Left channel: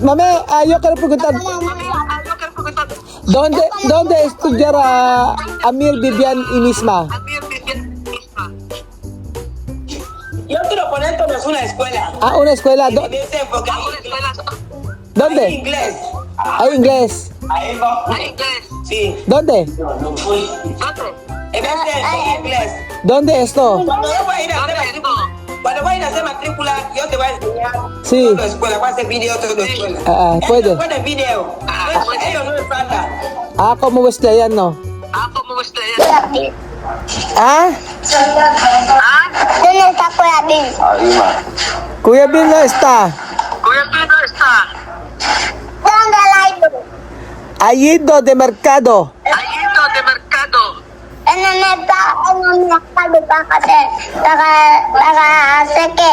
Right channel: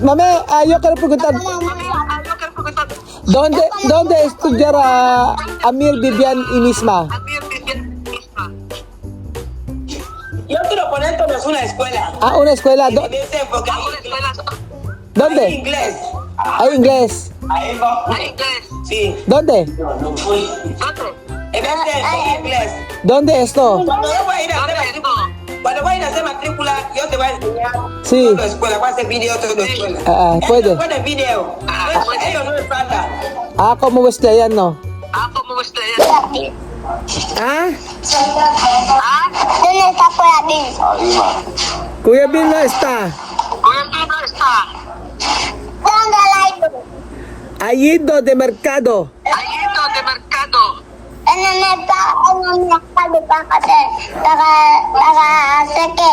Mame, yo quiero preguntar, ¿dónde estudiará Amir, Vivian y Misma? Yo quiero poner todos una escuela. Ah, una escuela. En ese enfoque. ¿Dónde? Hay inglés. Hay inglés. Ahí va. Sí. ¿Dónde? En ese enfoque inglés. ¿Dónde esto? Cuando yo voy a ir a hacer cuando voy a ir a hacer matrícula, yo te voy a enseñar Sí. toda la escuela. Voy a hacer video toda la escuela. Puede. Pone video. Ellos no les falta. Ako mo gusto yan, no? Ah? ¿Dónde está Kuya Bin? Kuya Bin no está. ¿Dónde la ido? Ha ido de mercado. En el mercado para hacer qué?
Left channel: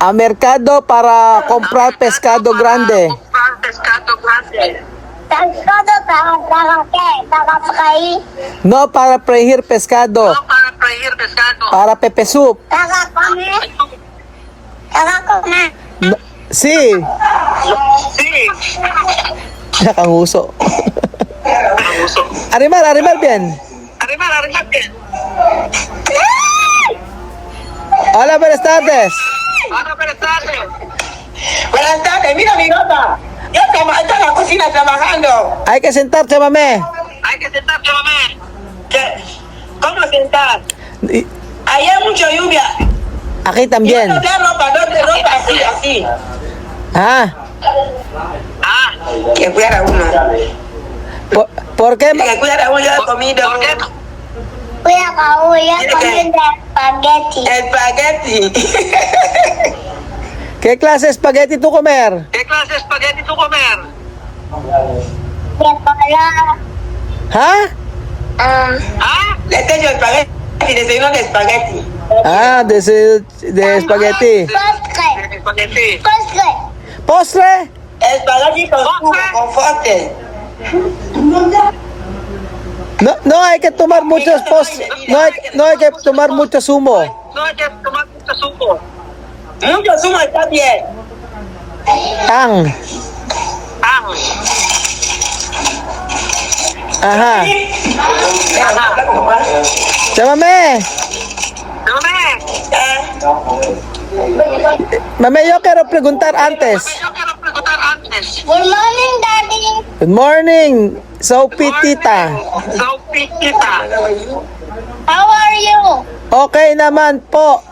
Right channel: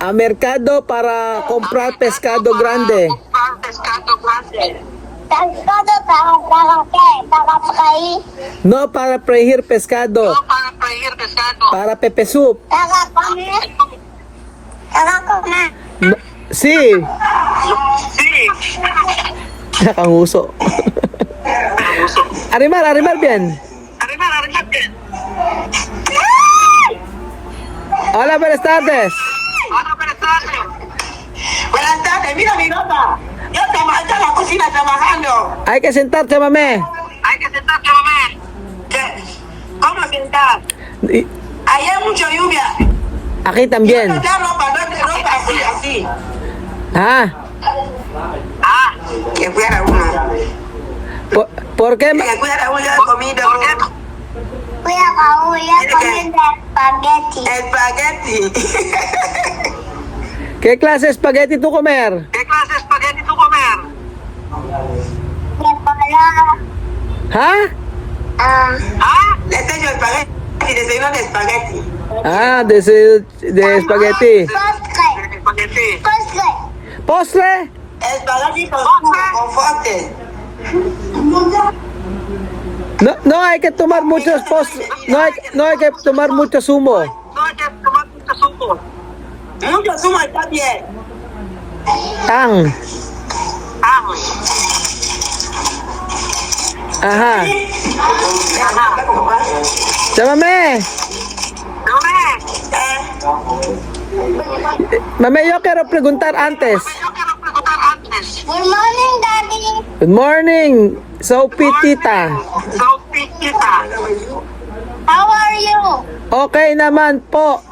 A mercado para comprar pescado grande. Pescado para qué? Para freír, No para freír pescado. Para pepe soup. para comer. Para comer. No, sí. Nakanguso. Arimar bien. Hola, buenas tardes. Buenas tardes, mira mi gata. Yo estoy en la cocina trabajando. Hay que sentarse, mame. ¿Qué? ¿Cómo sentar? Y- Ahí hay mucha lluvia. Aquí Y también. no da ropa, así. Ah, Que cuidara uno. ¿por qué? Que cuidara uno, yo he comido Kuya Kau, yo comí de espagueti. espagueti. ¿Qué clase de espagueti tú comer? De color. ¿Ah? Le estoy yo espagueti, desayuno de espagueti. Ah, de espagueti. Postre. ¿Postre? Espagueti con foster. No hay que tomar muchos postres. No hay que tomar mucho zumo. Mucho zumo está bien. Ang. Ajá. Llámame. Mame, yo quiero preguntar antes. Good morning, Daddy. Good morning, Sopitita. How are you? Okay naman po.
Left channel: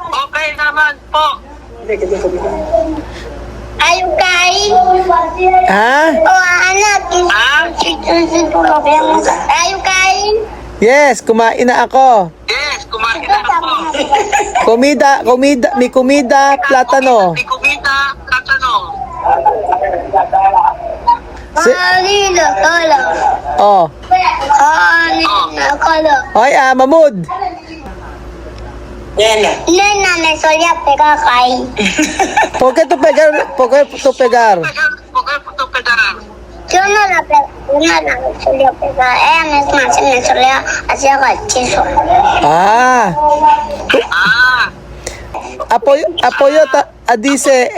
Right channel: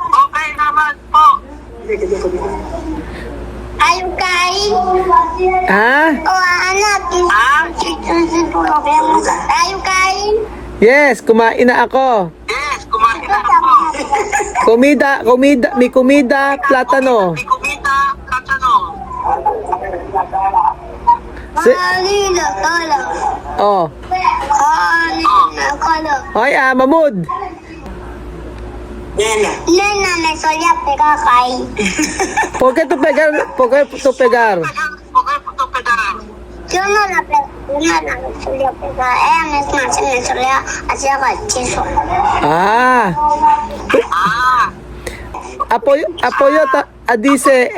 Are you kain? Ha? Oh, anak. Are you kain? Yes, kumain na ako. May komida, platano. Kanina, kala. Oh. Kanina, kala. Hoy, Mamud. Nena. Nena me solía pegar ahí. ¿Por qué tú pegar? Yo no la solía pegar. Ella misma se me solía hacer gachizo. Ah. Apoyo dice,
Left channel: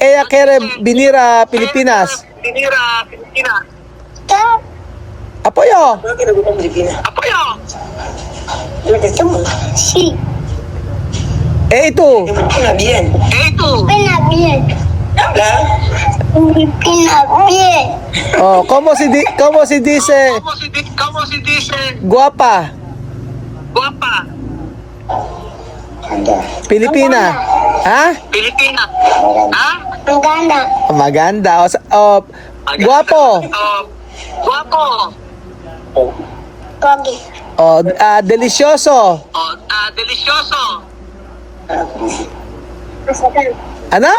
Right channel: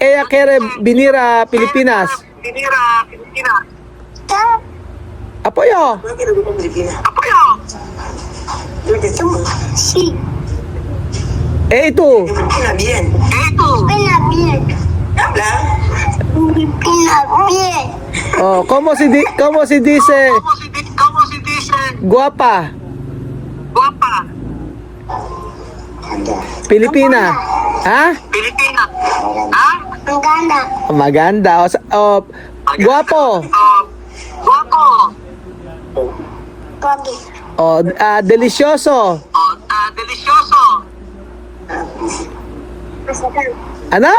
ella quiere venir a Pilipinas. ¿Qué? Apoyo. No quiero que me Filipina. Sí. Tú. Filipina bien. Pena bien. Habla. Pena bien. Oh, ¿cómo se dice guapa? Pilipina. Ha? Maganda. Maganda. Guapo. Pogi. Delicioso. Masegan. Ano?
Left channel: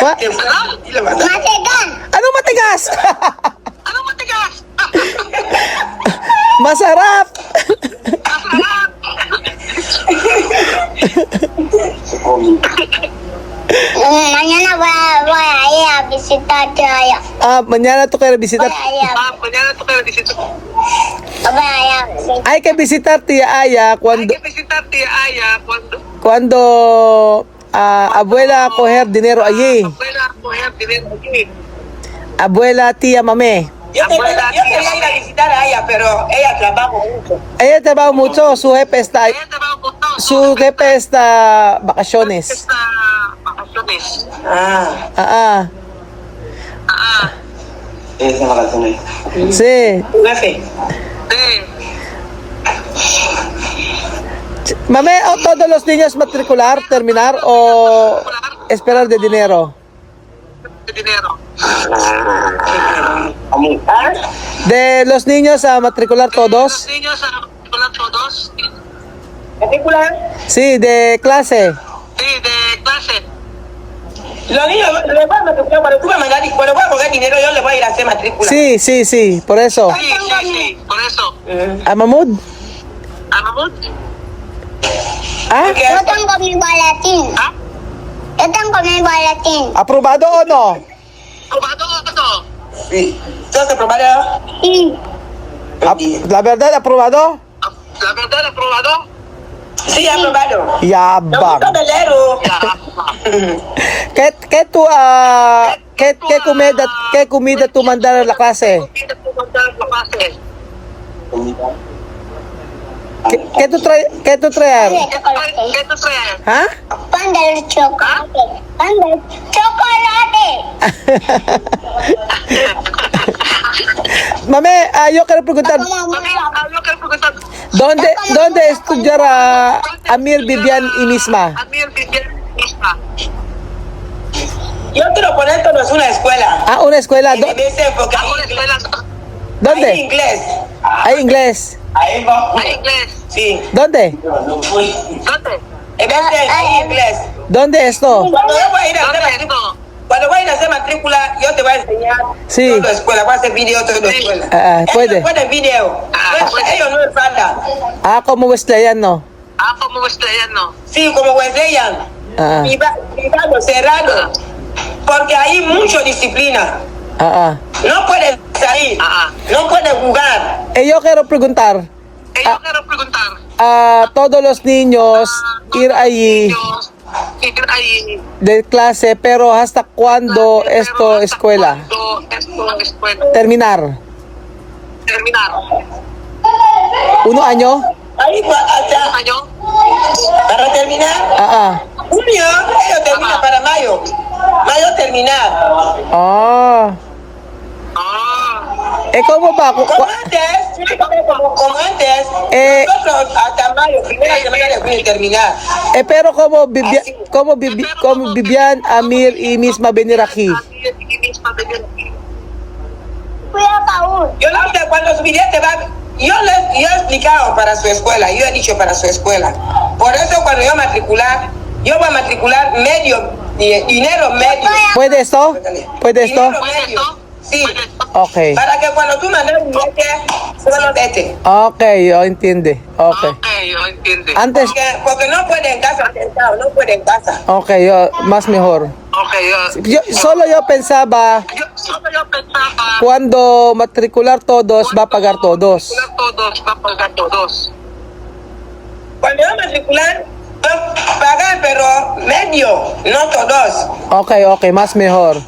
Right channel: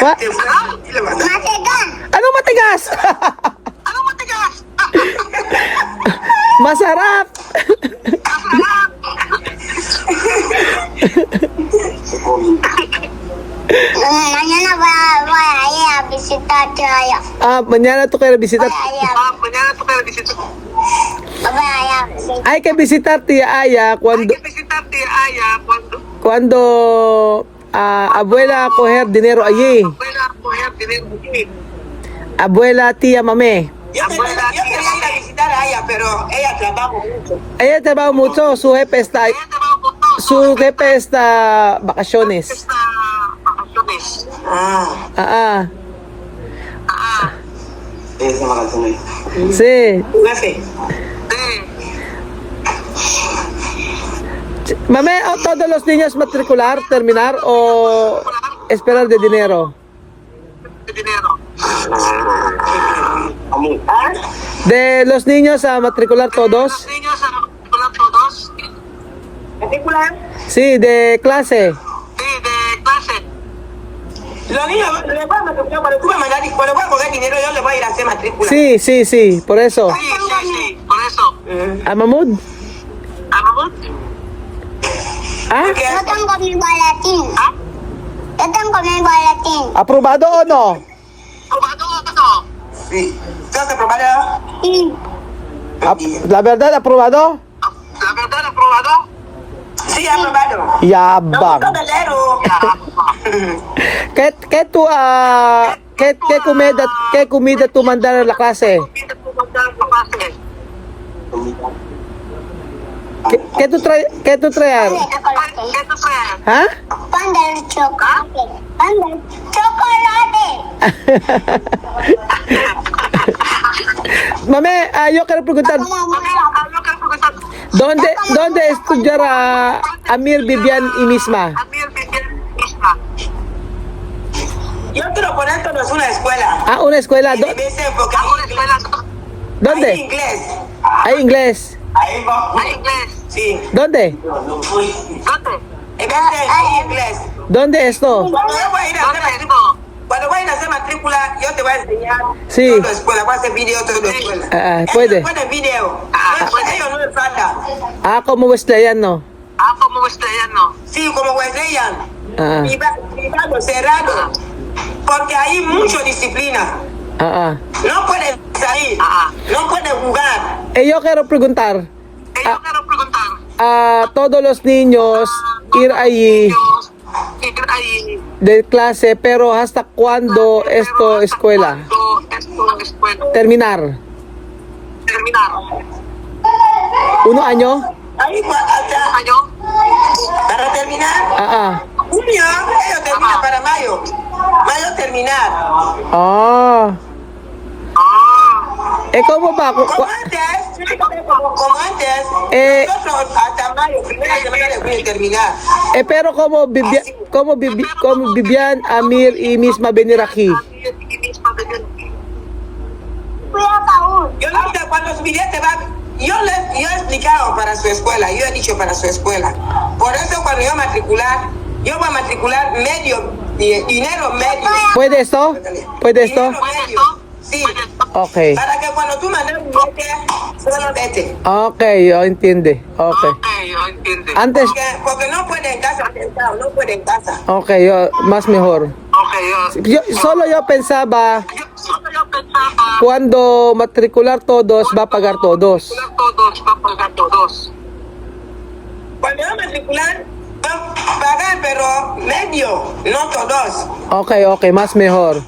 Masegan. Ano matigas? Masarap. Mañana voy a ir a visitar a Aya. Mañana tú quieres visitar. Voy a ir a visitar. Hay que visitar tía Aya cuando abuela coger dinero allí. mujer tiene aquí. Abuela, tía, mame. Yo quería ir a visitar a ella, pero ella trabaja mucho. Ella trabaja mucho, su jefe está, vacaciones. Vacaciones. Ah. Ah, Esa vacaciones. sí. ¿Tu jefe? Mame, ¿a todos los niños matricular, terminar o esperar de dinero? ¿Ah? De los niños a matricular todos. ¿Matrícula? Sí, de clase. Los niños les voy a matricular cuando tú vas a mandar y cuando voy a pagar dinero yo les voy a ir a hacer matrícula. Sí, por eso. Por eso. ¿A Mahmoud? ¿Ah? Yo tengo mi boletín. Yo tengo mi boletín. ¿Aprobado o no? Sí. ¿Tú has aprobado? Sí. La verdad, ¿aprobado? Sí, aprobado. Yabang. No, leero. ¿Qué comida tú mandas a la clase? ¿Qué tú traes? ¿Ah? Pan del chocolate. Pan del chocolate. Mame, yo quiero preguntar, ¿dónde estudiará Amir, Vivian y Misma? Yo quiero poner todos una escuela. Ah, una escuela. Y de ese enfoque. Hay ¿Dónde? inglés. Hay inglés. Ahí va. Sí. ¿Dónde? En ese hay inglés. ¿Dónde esto? Cuando yo voy a ir a hacer matrícula, matrícula, yo te voy a enseñar Sí. toda la escuela. Voy a hacer video toda la escuela. Puedo. Puede video. Ellos no me faltan. Ah, como Wesleyano. Sí, como Wesleyan. Ah, Privado, cerrado. Porque hay mucha disciplina. ah. No pueden salir. No pueden jugar. Yo quiero preguntar, a todos los niños ir allí de clase, pero ¿hasta cuándo esto escuela? Terminar. 1 año? Ahí hasta para terminar. Junio, ellos terminan para mayo. Mayo terminar. Ah. ¿Cómo va? Como antes, nosotros hasta mayo, primera semana de junio terminar. Pero ¿cómo Vivian, Amir y Misma venir aquí? Cuidado, Paul. Yo no sé cuando su billete va. Yo he explicado para su escuela, yo he dicho para su escuela. Por eso cuando yo voy a matricular dinero medio. ¿Puede esto? Dinero medio. Sí. Ok. Para que cuando tú mandes un billete, solo vete. Ok, yo entiendo. Ok. Antes, Porque no puede en casa sentado, no puede en casa. ok, más mejor. Solo yo pensaba, cuando matricular todos, va a pagar todos. Cuando yo matricular, pagar, pero medio, no todos. Ok, más mejor.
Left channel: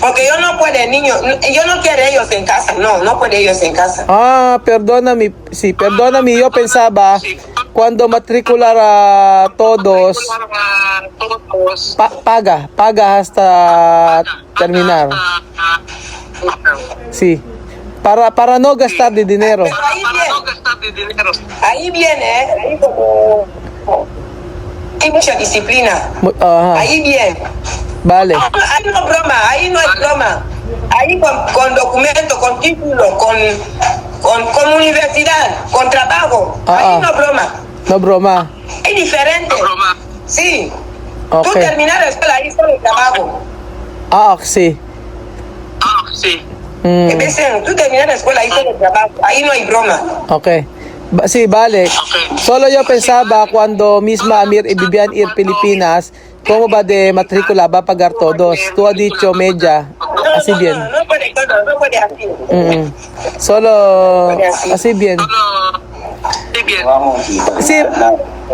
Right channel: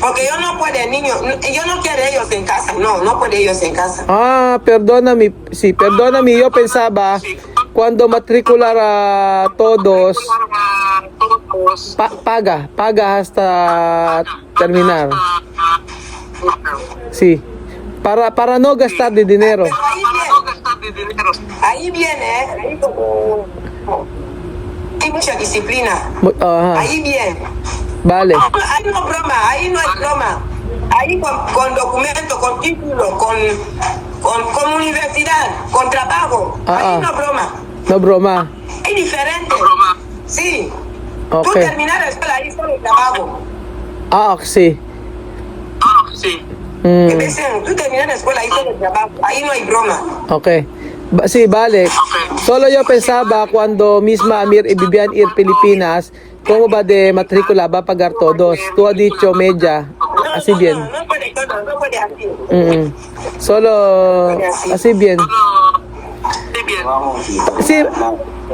Porque yo no puedo, niños, yo no quiero ellos en casa, no puede ellos en casa. Ah, perdóname, yo pensaba, cuando matricular a todos, paga hasta terminar. Sí, para no gastar de dinero. Pero ahí viene, ahí como hay mucha disciplina. Ajá, Ahí viene. vale. Ahí no es broma. Ahí con documento, con título, con universidad, con trabajo. Ahí no es broma. No broma. Es diferente. Sí. Ok. Tú terminar la escuela ahí solo el trabajo. Sí. En vez de tú terminar la escuela ahí solo el trabajo. Ahí no hay broma. Ok. Sí, vale. Solo yo pensaba cuando Misma, Amir y Vivian ir Pilipinas, ¿cómo va de matrícula? Va a pagar todos. Tú has dicho media. Así bien. No puede así. Solo así bien.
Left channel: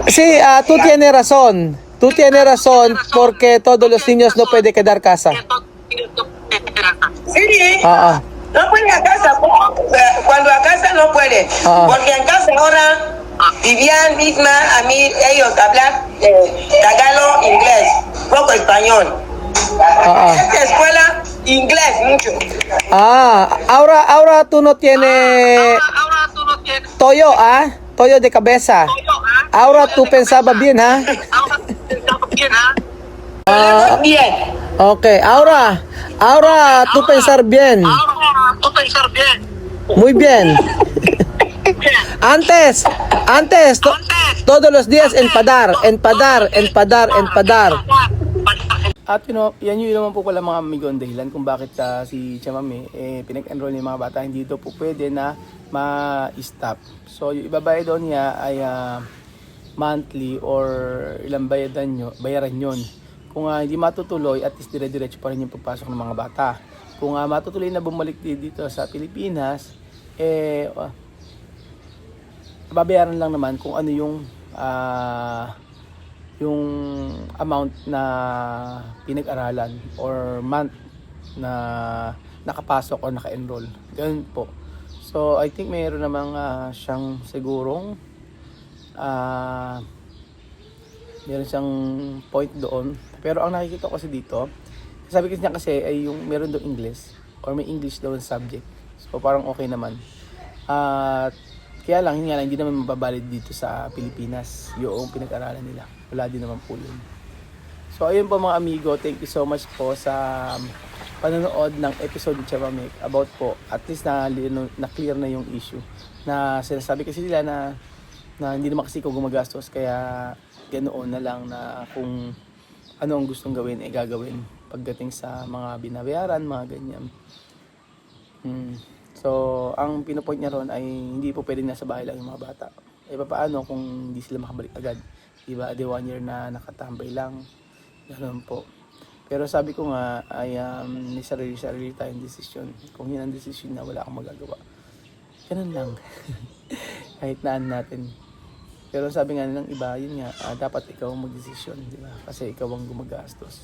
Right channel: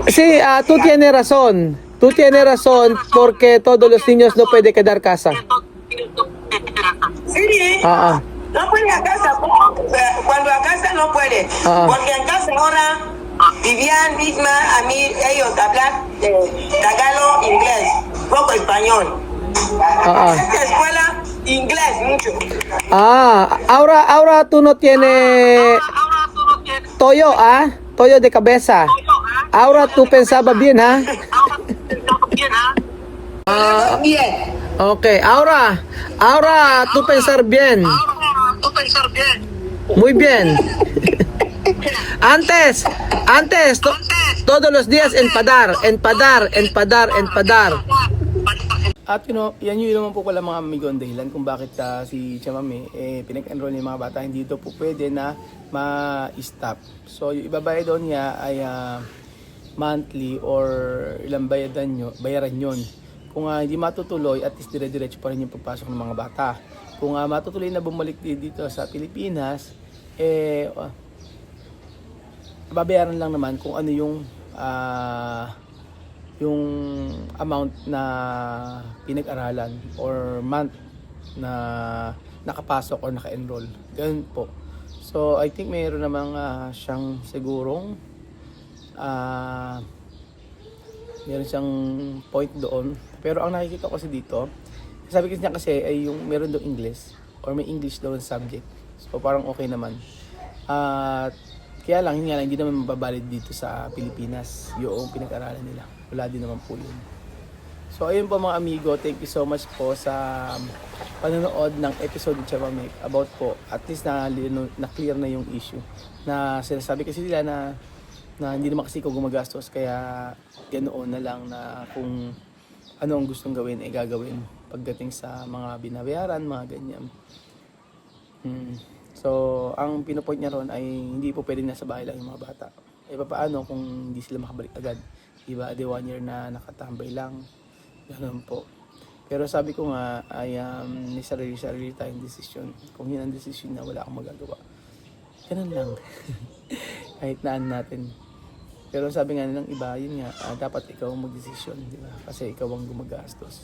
Sí, tú tienes razón. tú tienes razón porque todos los niños no pueden quedar casa. Sí. Ah, ah. No puede a casa, cuando a casa no puede, porque en casa ahora Vivian misma, a mí ellos hablan tagalo, inglés, poco español. Esta escuela, inglés mucho. Ahora tú no tienes toyo, toyo de cabeza. Ahora tú pensaba bien, Bien. Okay, ahora tú pensar bien. Muy bien. Antes, todos los días empadar. At yan yun naman po pala mga amigo ang dahilan kung bakit si Chamame pinag-enroll yung mga bata, hindi daw po pwede na ma-stop. So yung ibabayad daw niya ay monthly or ilang bayaran yun. Kung hindi matutuloy, at least dire-diretso pa rin yung pagpasok ng mga bata. Kung matutuloy na bumalik dito sa Pilipinas, babayaran lang naman kung ano yung amount na pinag-aralan or month na nakapasok or naka-enroll. Ganun po. So, I think mayroon namang siyang sigurong meron siyang point doon. Pero ang nakikita ko kasi dito, sabi ko niya kasi ay yung meron daw English or may English daw subject. So, parang okay naman. At kaya lang, hindi naman mababalid dito sa Pilipinas yung pinag-aralan nila. Wala din naman po yun. So ayun po mga amigo, thank you so much po sa panonood ng episode ni Chamame about po, at least na clear na yung issue. Na sinasabi kasi nila na hindi naman kasi ko gumagastos, kaya ganoon na lang na kung ano ang gustong gawin ay gagawin pagdating sa mga binabayaran, mga ganyan. So, ang pinopoint niya ron ay hindi po pwedeng nasa bahay lang yung mga bata. Paano kung hindi sila makabalik agad? Diba, 1 year na nakatambay lang. Ganun po. Pero sabi ko nga, ay may sarili tayong desisyon. Kung yun ang desisyon na wala akong magagawa. Ganun lang. Kahit naan natin. Pero sabi nga ng iba, yun nga, dapat ikaw ang magdesisyon. Diba? Kasi ikaw ang gumagastos.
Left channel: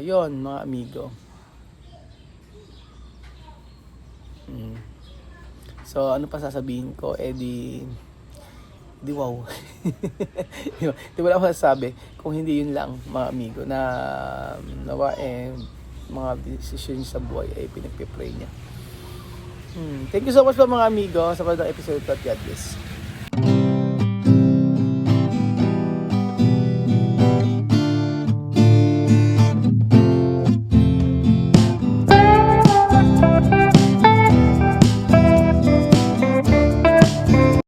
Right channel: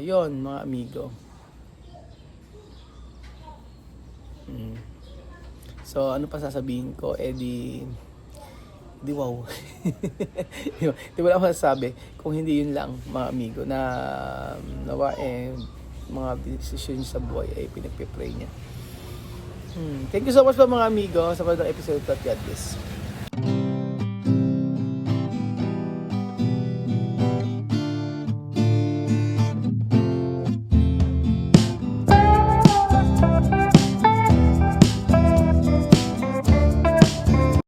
Yun, mga amigo. So ano pa sasabihin ko, di wow. Di wala akong masasabi kung hindi yun lang mga amigo na nawa mga decision sa buhay ay pinagpipray niya. Thank you so much po mga amigo sa pagdating episode 2. God bless.